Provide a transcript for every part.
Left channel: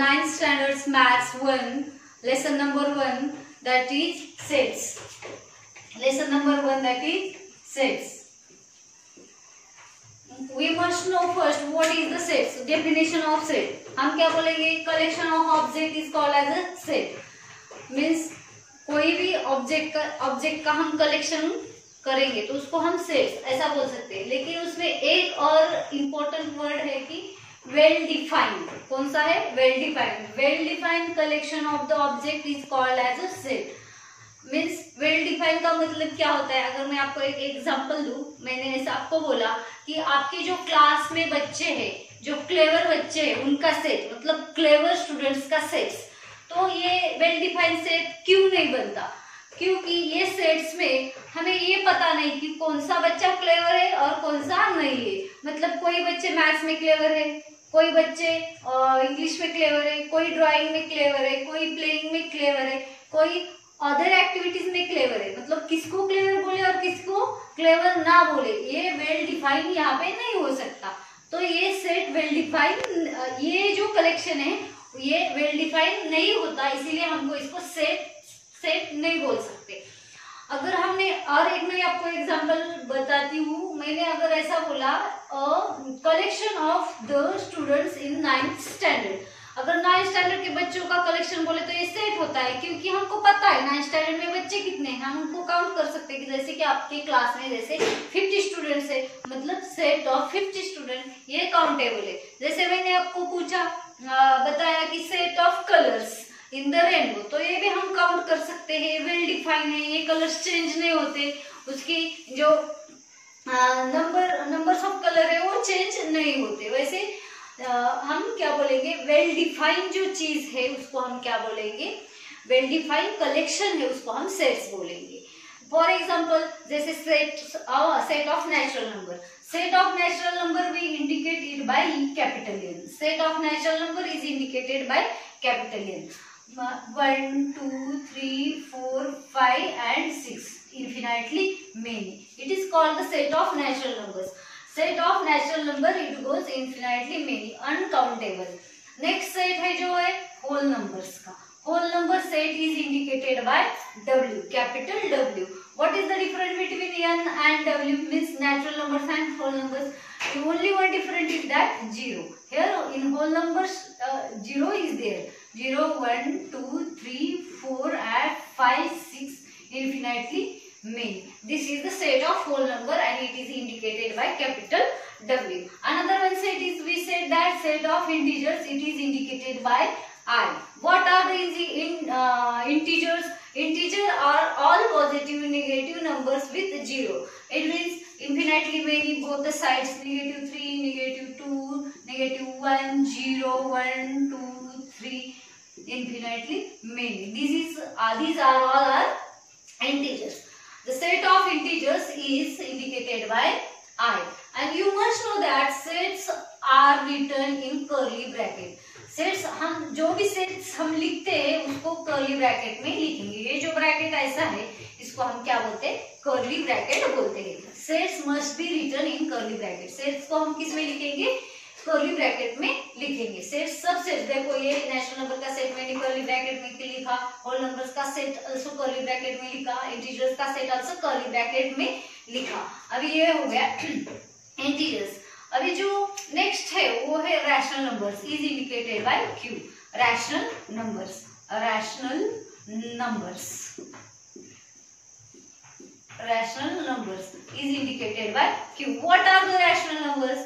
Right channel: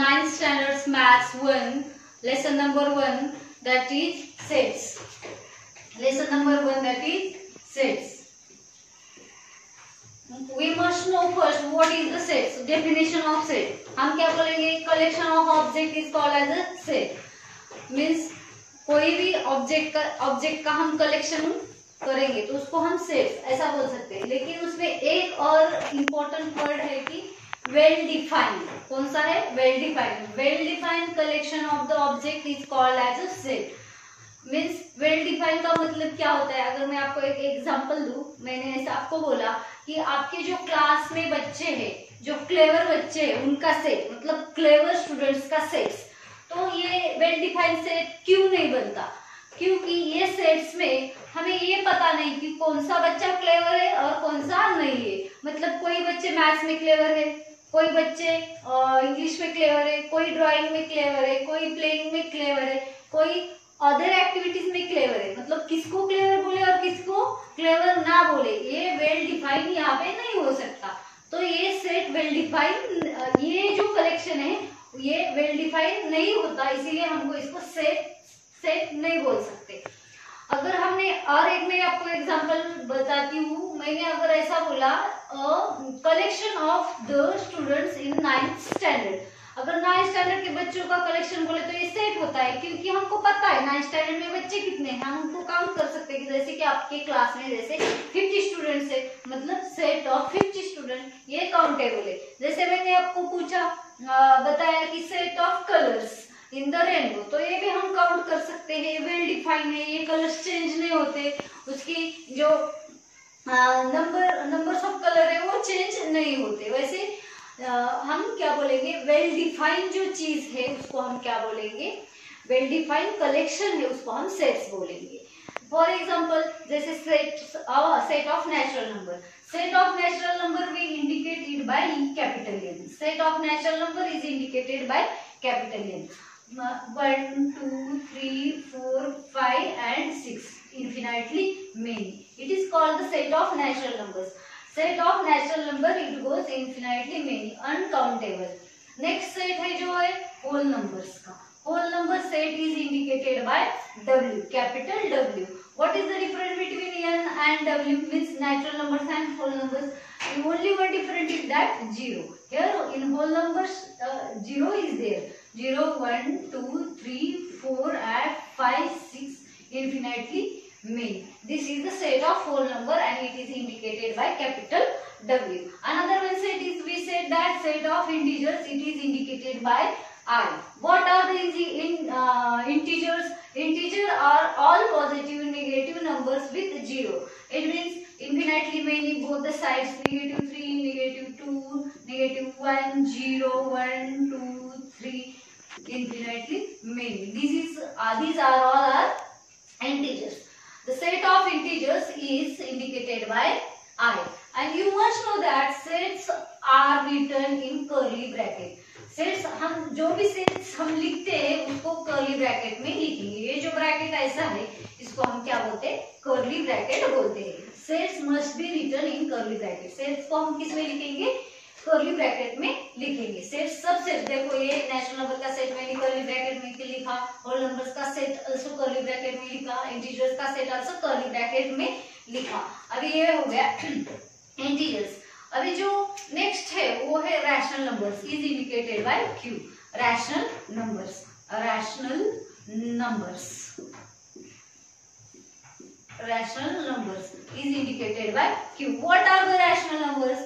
9th standards maths 1, lesson number 1, that is sets. Lesson number 1, that is sets. We must know first what is the set. So definition of set. हम क्या बोलेंगे? Collection of object is called as a set. Means कोई भी object का हम collection करेंगे तो उसको हम सेट ऐसा बोल सकते हैं. लेकिन उसमें एक और इम्पोर्टेंट वर्ड है कि वेल डिफाइंड. कौन सा है? Well defined. Well defined collection of the object is called as a set. Means well defined का मतलब क्या होता है? अगर मैं आपको एक एग्जांपल दूं, मैंने ऐसा आपको बोला कि आपके जो क्लास में बच्चे हैं, जो क्लेवर बच्चे हैं, उनका सेट मतलब क्लेवर स्टूडेंट्स का सेट. तो ये वेल डिफाइंड सेट क्यों नहीं बनता? क्योंकि ये सेट्स में हमें ये पता नहीं कि कौन सा बच्चा क्लेवर है और कौन सा नहीं है. मतलब कोई बच्चे मैथ्स में क्लेवर है, कोई बच्चे इंग्लिश में क्लेवर है, कोई ड्राइंग में क्लेवर है, कोई प्लेइंग में क्लेवर है, कोई अदर एक्टिविटीज में क्लेवर है. मतलब किसको क्लेवर बोले और किसको क्लेवर ना बोले, ये वेल डिफाइन यहाँ पे नहीं हो सकता. तो ये सेट वेल डिफाइन, ये जो कलेक्शन है ये वेल डिफाइन नहीं होता, इसीलिए हमको इसको सेट नहीं बोल सकते. अगर हमने और एक मैं आपको एग्जांपल बताती हूँ. मैंने अगर ऐसा बोला collection of the students in 9th standard. अगर 9th स्टैंडर्ड के बच्चों का कलेक्शन बोले तो ये सेट होता है, क्योंकि हमको पता है 9th स्टैंडर्ड में बच्चे कितने हैं. हम उनको काउंट कर सकते हैं कि जैसे कि आपके क्लास में जैसे 50 स्टूडेंट्स है, मतलब सेट ऑफ 50 स्टूडेंट ये काउंटेबल है. जैसे मैंने आपको पूछा बताया कि set of colours in the rainbow, तो ये भी हम काउंट कर सकते हैं. वेल डिफाइन है, ये कलर्स चेंज नहीं होते, उसकी जो नंबर्स ऑफ कलर है वो चेंज नहीं होते. वैसे हम क्या बोलेंगे? वेल डिफाइन जो चीज है उसको हम क्या बोलेंगे? वेल डिफाइन कलेक्शन है उसको हम सेट्स बोलेंगे. फॉर एग्जाम्पल जैसे set of natural number. Set of natural number we indicate it by capital N. Set of natural number is indicated by capital N. 1, 2, 3, 4, 5 and 6. Infinitely many. It is called the set of natural numbers. Set of natural number it goes infinitely many, uncountable. Next set है जो है whole numbers का. Whole number set is indicated by W, capital W. What is the difference between N and W? Means natural numbers and whole numbers. The only one difference is that 0. Here in whole numbers 0 is there. 0, 1, 2, 3, 4 and 5, 6, infinitely many. This is the set of whole number and it is indicated by capital W. Another one set is, we said that set of integers, it is indicated by I. What are the integers? Integers are all positive negative numbers with 0. It means infinitely many, both the sides, -3, -2, -1, 0, 1, 2, 3, infinitely many. These are all are integers. The set of integers is indicated by I. And you must know that sets are written in curly bracket. Sets हम जो भी sets हम लिखते हैं उसको curly bracket में लिखेंगे. ये जो ब्रैकेट ऐसा है इसको हम क्या बोलते हैं? कर्ली ब्रैकेट बोलते हैं. Sets must be written in curly bracket. Sets को हम किस में लिखेंगे? कर्ली ब्रैकेट में लिखेंगे. सेट्स सब सेट्स, देखो ये नेचुरल नंबर का सेट मैंने कर्ली ब्रैकेट में लिखा, होल नंबर्स का सेट आल्सो कर्ली ब्रैकेट में लिखा, इंटीजर्स का सेट आल्सो कर्ली ब्रैकेट में लिखा. अभी ये हो गया इंटीजर्स. अभी जो नेक्स्ट है वो है rational numbers is indicated by Q. Rational numbers, rational numbers, rational numbers is indicated by Q. What are the rational numbers?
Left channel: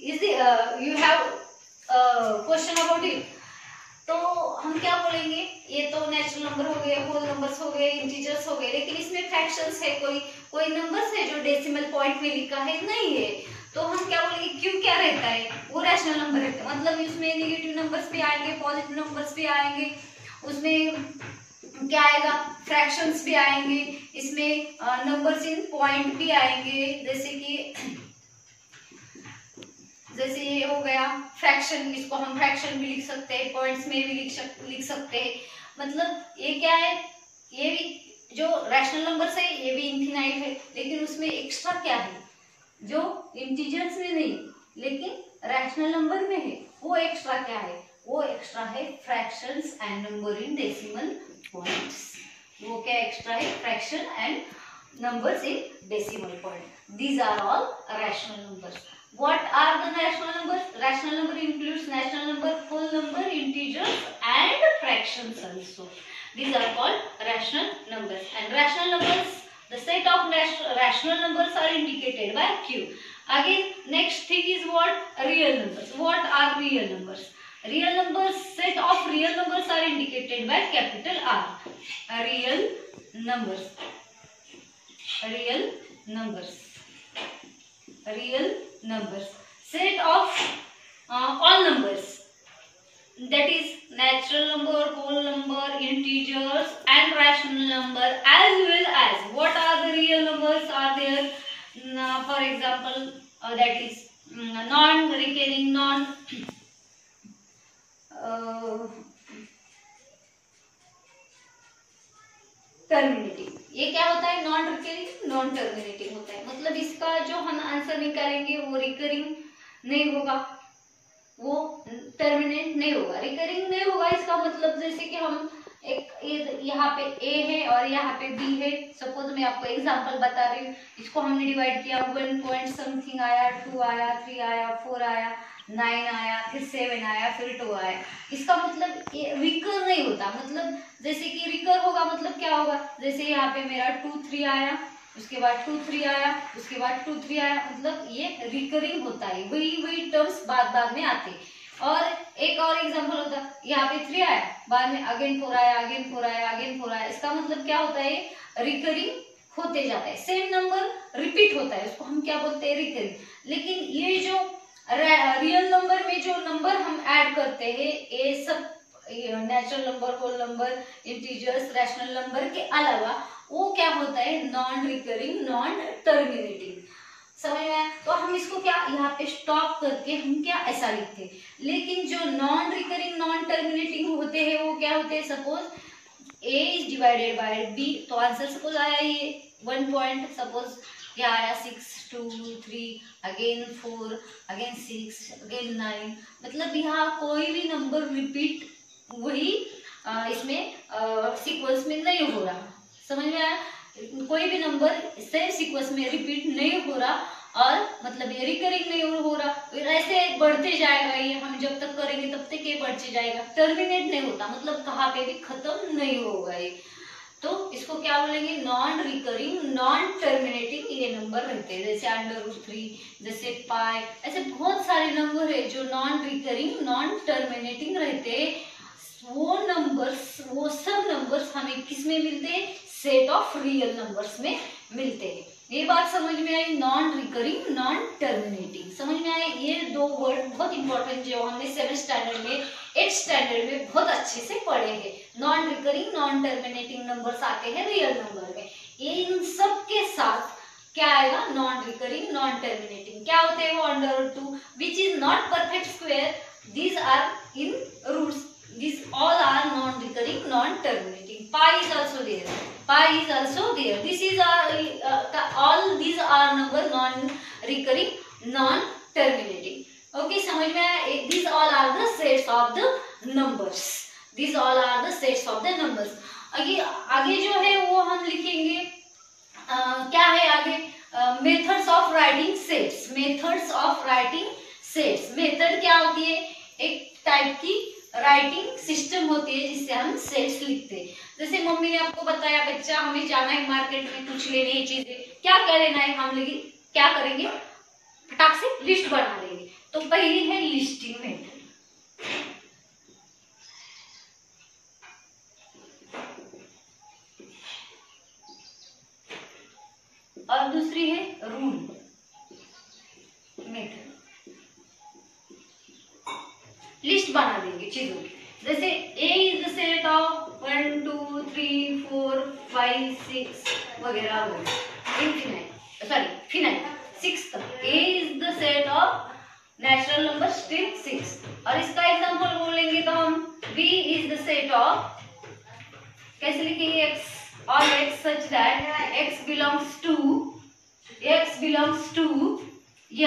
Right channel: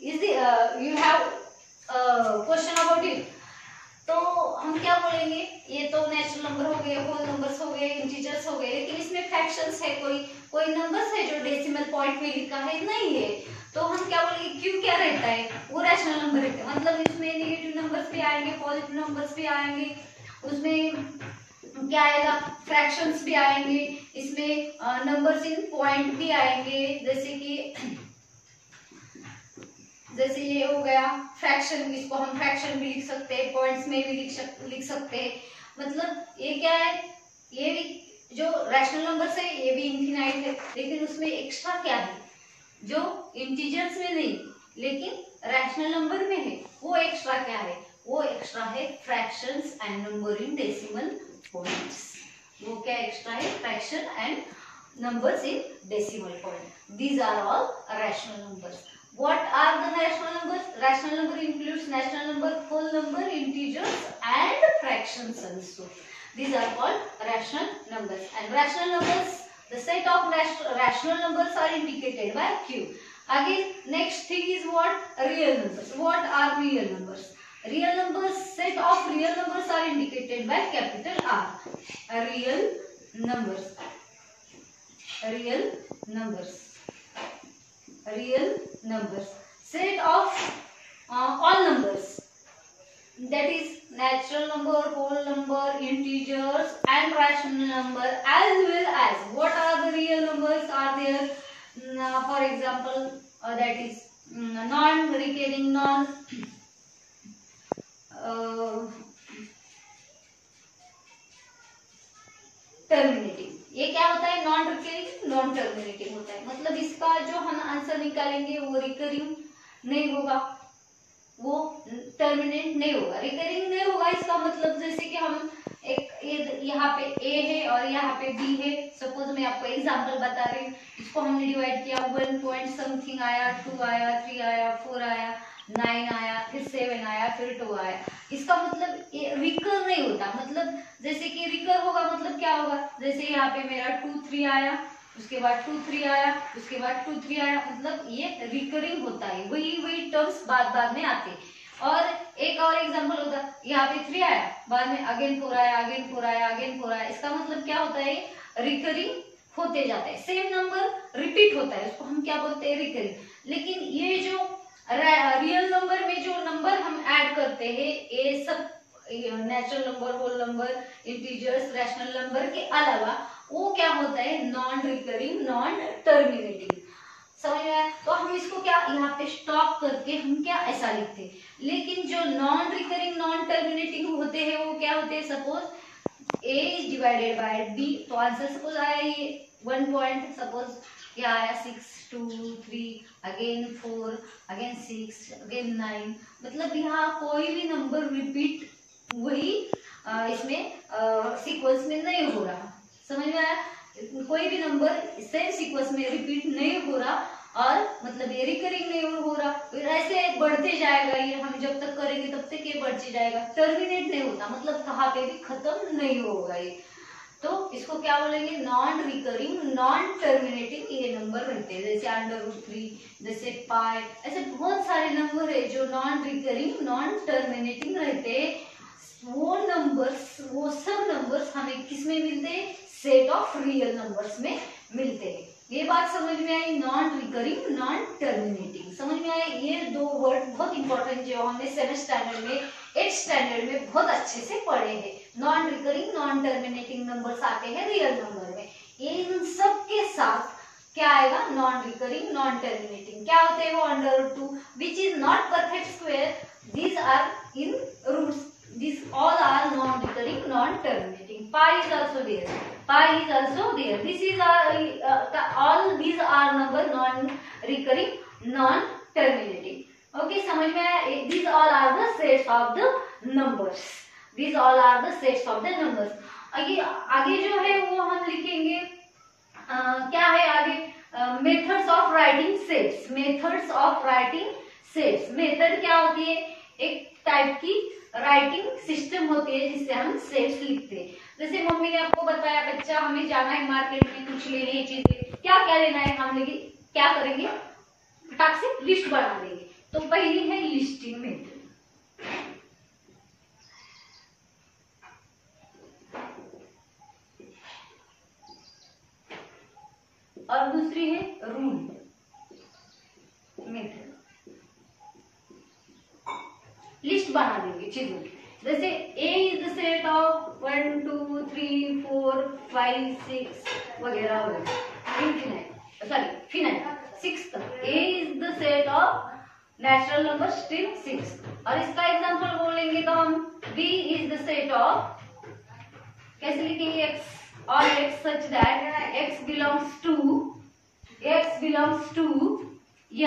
Is the you have question about it? तो हम क्या बोलेंगे? ये तो नेचुरल नंबर हो गए, होल नंबर्स हो गए, इंटीजर्स हो गए, लेकिन इसमें फ्रैक्शंस है, कोई नंबर्स है जो डेसिमल पॉइंट में लिखा है नहीं है. तो हम क्या बोलेंगे? क्यू क्या रहता है? वो रैशनल नंबर रहता है. मतलब इसमें नेगेटिव नंबर्स भी आएंगे, पॉजिटिव नंबर्स भी आएंगे, उसमें क्या आएगा? फ्रैक्शंस भी आएंगे, इसमें नंबर्स इन पॉइंट भी आएंगे. जैसे ये हो गया फ्रैक्शन, इसको हम फ्रैक्शन भी लिख सकते हैं, पॉइंट्स में भी लिख सकते हैं. मतलब ये क्या है? ये भी जो रैशनल नंबर्स है ये भी इनफिनाइट है, लेकिन उसमें एक्स्ट्रा क्या है जो इंटीजर्स में नहीं लेकिन रैशनल नंबर में है? वो एक्स्ट्रा क्या है? वो एक्स्ट्रा है fractions and number in decimal points. वो क्या एक्स्ट्रा है? Fraction and numbers in decimal point. These are all rational numbers. What are the rational numbers? Rational number includes natural number, whole number, integers and fractions also. These are called rational numbers. And rational numbers, the set of rational numbers are indicated by Q. Again, next thing is what? Real numbers. What are real numbers? Real numbers, set of real numbers are indicated by capital R. Real numbers. Real numbers. Real numbers. Set of all numbers. That is natural number, whole number, integers and rational number, as well as what are the real numbers are there. For example, that is non-recurring, terminating. ये क्या होता है? Non recurring non terminating होता है। मतलब इसका जो हम आंसर निकालेंगे वो रिकरिंग नहीं होगा, वो टर्मिनेट नहीं होगा। रिकरिंग नहीं होगा इसका मतलब जैसे कि हम एक यहाँ पे ए है और यहाँ पे बी है। सपोज मैं आपको एग्जांपल बता रही हूँ, इसको हमने डिवाइड किया, 1 पॉइंट समथिंग आया, 2 आया, 3 आया, 4 आया, 9 आया, फिर 7 आया, फिर 2 आया। इसका मतलब रिकर नहीं होता। मतलब जैसे कि रिकर होगा मतलब क्या होगा? जैसे यहाँ पे मेरा 2 3 आया, उसके बाद 2 3 आया, उसके बाद 2 3 आया, मतलब ये रिकरिंग होता है। वही टर्म्स बाद में आते। और एक और एग्जांपल होता, यहाँ पे 3 आया, बाद में अगेन 4 आया, अगेन 4 आया, अगेन 4 आया। इसका मतलब क्या होता है? रिकरिंग होते जाता है। सेम नंबर रिपीट होता है, उसको हम क्या बोलते हैं? रिकरिंग। लेकिन ये जो रियल नंबर में जो नंबर हम ऐड करते हैं, ये सब natural number, whole number, integers, rational number के अलावा वो क्या होता है? Non recurring non terminating. समझ में आया? तो हम इसको क्या यहाँ पे स्टॉप करके हम क्या ऐसा लिखते हैं। लेकिन जो नॉन रिकरिंग नॉन टर्मिनेटिंग होते हैं वो क्या होते हैं? Suppose A is divided by B, तो आंसर सपोज आया ये 1 पॉइंट, सपोज क्या आया 6 2 3 अगेन 4 अगेन 6 अगेन 9। मतलब यहाँ कोई भी नंबर रिपीट वही इसमें सीक्वेंस में नहीं हो रहा। समझ में आया? कोई भी नंबर सेम सीक्वेंस में रिपीट नहीं हो रहा और मतलब ये रिकरिंग नहीं हो रहा। फिर ऐसे बढ़ते जाएगा, ये हम जब तक करेंगे तब तक ये बढ़ते जाएगा, टर्मिनेट नहीं होता। मतलब कहाँ पे भी खत्म नहीं होगा ये। तो इसको क्या बोलेंगे? नॉन रिकरिंग नॉन टर्मिनेटिंग ये नंबर रहते हैं। जैसे √3, जैसे पाई, ऐसे बहुत सारे नंबर है जो नॉन रिकरिंग नॉन टर्मिनेटिंग रहते हैं। वो नंबर्स, वो सब नंबर्स हमें किस में मिलते हैं? सेट ऑफ रियल नंबर्स में मिलते हैं। ये बात समझ में आई? नॉन रिकरिंग नॉन टर्मिनेटिंग समझ में आए? ये 2 वर्ड बहुत इंपॉर्टेंट जो हमने 7th स्टैंडर्ड में 8th स्टैंडर्ड में बहुत अच्छे से पढ़े हैं। Non recurring non terminating numbers आते हैं रियल नंबर में। इन सब के साथ क्या आएगा? Non recurring non terminating. क्या होते हैं वो? √2 which is not perfect square, these are in roots, these all are non-recurring non-terminating. Pi is also there, pi is also there. This is all these are number non-recurring non-terminating. Okay, समझ में आया? These all are the sets of the numbers. These all are the sets of the numbers. आगे जो है वो हम लिखेंगे क्या है आगे? Methods of writing sets. Methods of writing sets. Method क्या होती है? एक टाइप की राइटिंग सिस्टम होती है जिससे हम सेट्स लिखते हैं। जैसे मम्मी ने आपको बताया बच्चा हमें जाना है मार्केट में कुछ लेने की चीजें, क्या क्या लेना है, हम लेंगे क्या करेंगे? फटाक से लिस्ट बना लेंगे। तो पहली है लिस्टिंग मेथड, और दूसरी है रूल मेथड। लिस्ट बना देंगे चीजों की। जैसे A is the set of 1 2 3 4 5 6 वगैरह वगैरह इनफिनाइट, सॉरी फिनाइट 6 तक। A is the set of natural number string 6। और इसका एग्जांपल बोलेंगे तो हम B is the set of, कैसे लिखेंगे? X और X such that X belongs to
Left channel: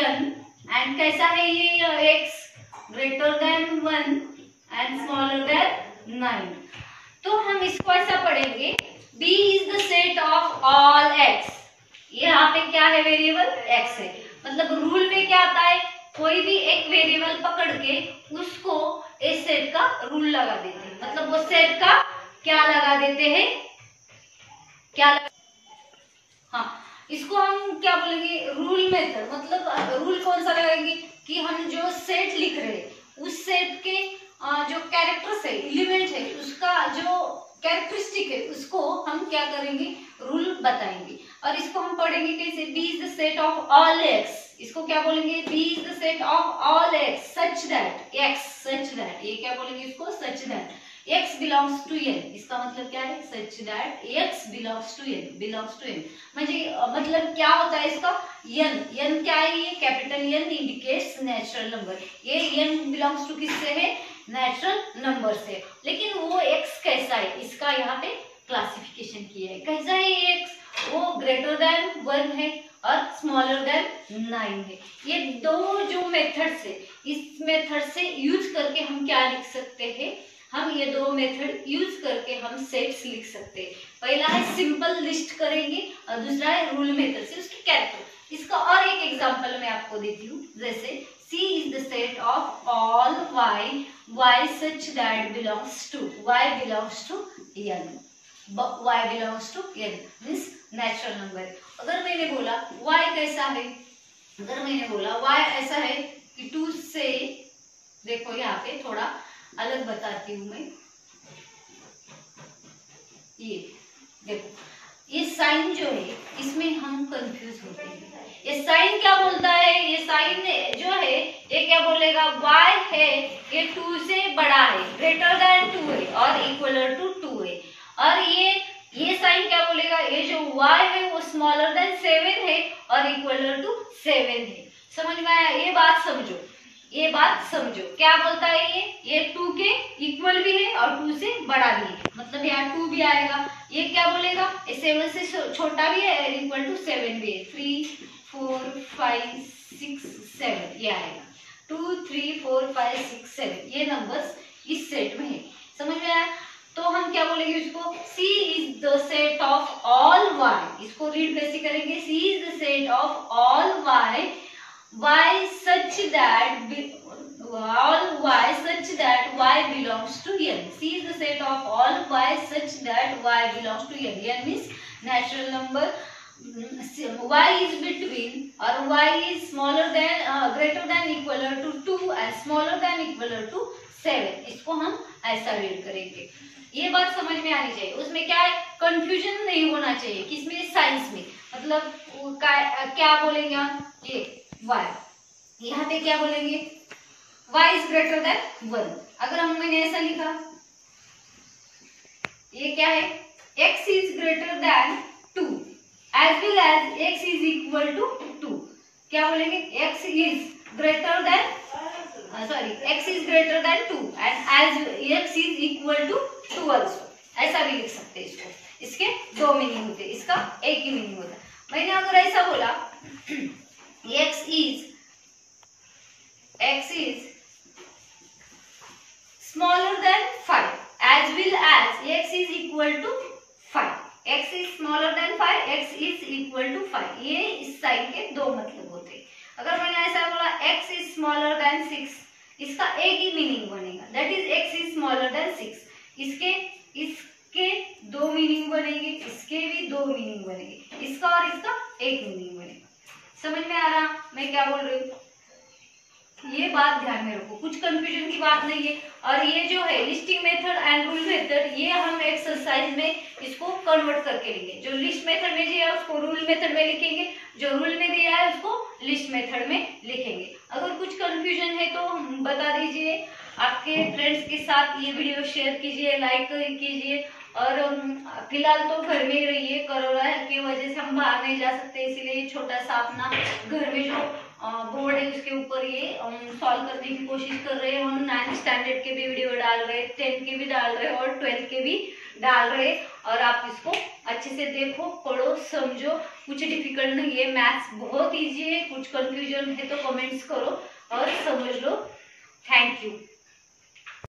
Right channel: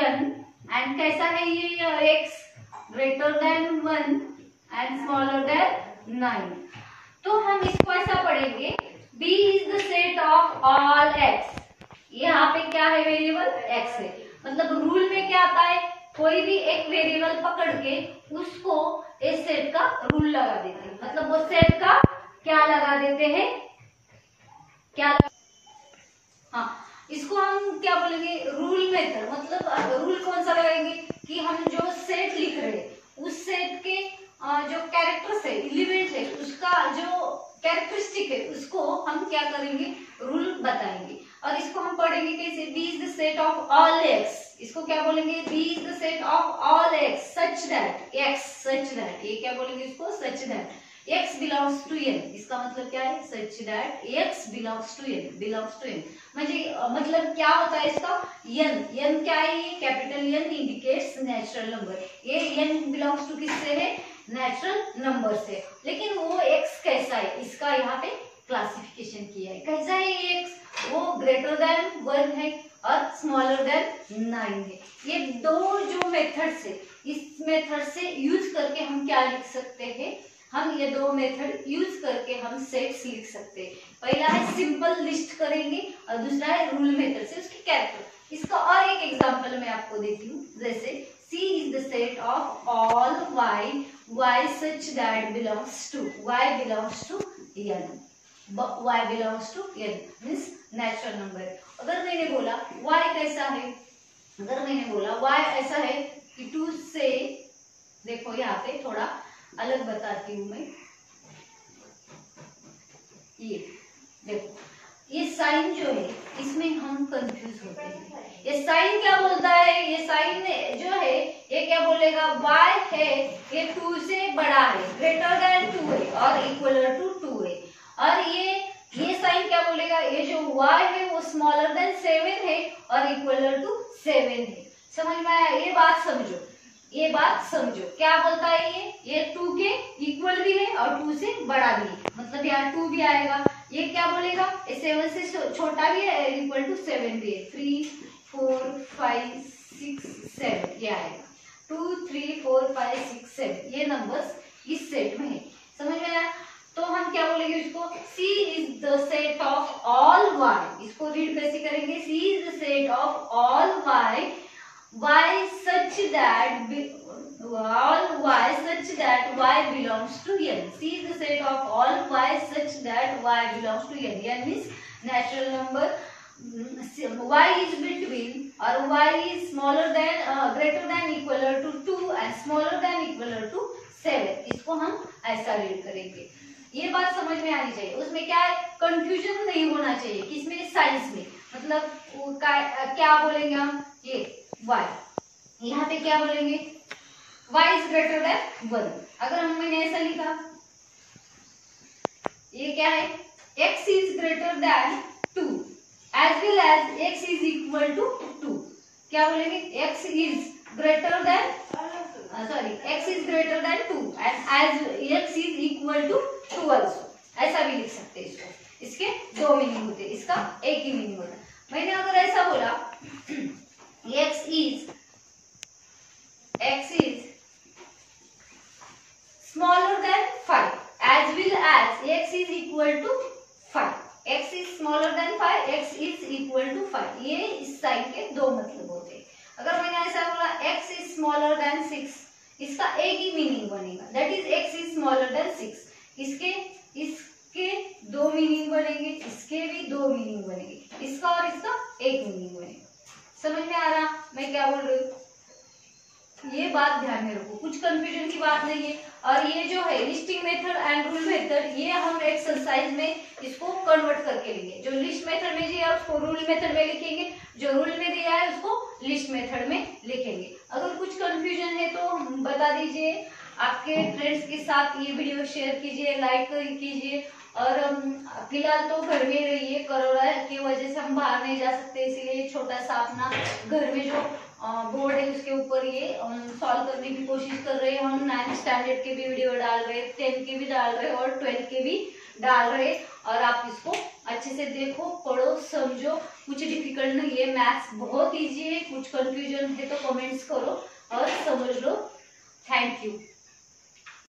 N and कैसा है ये X greater than 1 and smaller than 9। तो हम इसको ऐसा पढ़ेंगे, B is the set of all x। यहाँ पे क्या है, वेरिएबल x है। मतलब रूल में क्या आता है, कोई भी एक वेरिएबल पकड़ के उसको इस सेट का रूल लगा देते हैं। मतलब वो सेट का क्या लगा देते हैं, क्या लगा, हाँ, इसको हम क्या बोलेंगे, रूल मेथड। मतलब रूल कौन सा लगाएंगे कि हम जो सेट लिख रहे हैं उस सेट के जो कैरेक्टर्स है, एलिमेंट है, उसका जो कैरेक्टरिस्टिक है उसको हम क्या करेंगे, रूल बताएंगे। और इसको हम पढ़ेंगे कैसे, B is the set of all x. इसको क्या बोलेंगे, B is the set of all x such that x, such that, ये क्या बोलेंगे इसको, such that x belongs to n। इसका मतलब क्या है, such that x belongs to n, belongs to n। मतलब क्या होता है इसका, n क्या है, ये capital N indicates natural number. ये n बिलोंग्स टू किससे है, नेचुरल नंबर से। लेकिन वो x कैसा है, इसका यहाँ पे क्लासिफिकेशन किया है। कैसा है ये x, वो ग्रेटर देन 1 है और स्मॉलर देन 9 है। ये दो जो मेथड्स है, इस मेथड से यूज करके हम क्या लिख सकते हैं, हम ये दो मेथड यूज करके हम सेट्स लिख सकते हैं। पहला है सिंपल लिस्ट करेंगे और दूसरा है रूल मेथड से उसके कैरेक्टर। इसका और एक एग्जांपल मैं आपको देती हूँ, जैसे C is the set of all y such that belongs to y belongs to n, y belongs to n means natural number. अगर मैंने बोला y कैसा है, अगर मैंने बोला y ऐसा है कि 2 से, देखो यहाँ पे थोड़ा अलग बताती हूँ मैं, ये देखो, ये साइन जो है इसमें हम कंफ्यूज होते हैं। ये साइन क्या बोलता है, ये साइन जो है ये क्या बोलेगा, y है ये 2 से बड़ा है, ग्रेटर देन 2 है और इक्वल टू 2 है। और ये साइन क्या बोलेगा, ये जो y है वो स्मॉलर देन 7 है और इक्वल टू 7 है। समझ में आया, ये बात समझो, ये बात समझो क्या बोलता है, ये 2 के इक्वल भी है और 2 से बड़ा भी है। मतलब यहाँ 2 भी आएगा। ये क्या बोलेगा, 7 से छोटा भी है, इक्वल टू 7 भी है। 3 4 5 6 7 ये आएगा। 2 3 4 5 6 7 ये नंबर्स इस सेट में है। समझ में आया। तो हम क्या बोलेंगे इसको, C is the set of all y। इसको रीड कैसे करेंगे, C is the set of all y such that y belongs to n। C is the set of all y such that y belongs to n। n means natural number, y is between or y is smaller than greater than equal to 2 and smaller than equal to 7। इसको हम ऐसा read करेंगे। ये बात समझ में आनी चाहिए, उसमें क्या है, कंफ्यूजन नहीं होना चाहिए। किसमें, साइंस में। मतलब क्या बोलेंगे हम, ये y, यहाँ पे क्या बोलेंगे, y इज ग्रेटर देन 1। अगर हम मैंने ऐसा लिखा, ये क्या है, x is greater than 2 as well as x is equal to 2। क्या बोलेंगे, x is greater than x is greater than 2 and as x is equal to 2 also. ऐसा भी लिख सकते हैं इसको। इसके दो मीनिंग होते हैं, इसका एक ही मीनिंग होता है। मैंने अगर ऐसा बोला x is smaller than 5 as well as x is equal to 5, x is smaller than 5, x is equal to 5। ये इस साइन के दो मतलब होते हैं। अगर मैंने ऐसा बोला x is smaller than 6, इसका एक ही मीनिंग बनेगा, that is x is smaller than 6। इसके दो मीनिंग बनेंगे, इसके भी दो मीनिंग बनेंगे, इसका और इसका एक मीनिंग बनेगा। समझ में आ रहा मैं क्या बोल रही हूँ, ये बात ध्यान में रखो, कुछ कंफ्यूजन की बात नहीं है। और ये जो है listing method and rule method, ये हम एक्सरसाइज में इसको कन्वर्ट करके लेंगे। जो लिस्ट मेथड में दिया है उसको रूल मेथड में लिखेंगे, जो रूल में दिया है उसको लिस्ट मेथड में लिखेंगे। अगर कुछ कंफ्यूजन है तो बता दीजिए, आपके फ्रेंड्स के साथ ये वीडियो शेयर कीजिए, लाइक कीजिए। और फिलहाल तो घर में ही रहिए, कोरोना की वजह से हम बाहर नहीं जा सकते, इसीलिए छोटा सा अपना घर में जो बोर्ड है उसके ऊपर ये सॉल्व करने की कोशिश कर रहे हैं। हम 9th स्टैंडर्ड के भी वीडियो डाल रहे, 10th के भी डाल रहे और 12th के भी डाल रहे। और आप इसको अच्छे से देखो, पढ़ो, समझो, कुछ डिफिकल्ट नहीं है। मैथ्स बहुत ईजी है, कुछ कंफ्यूजन है तो कमेंट्स करो और समझ लो। Thank you.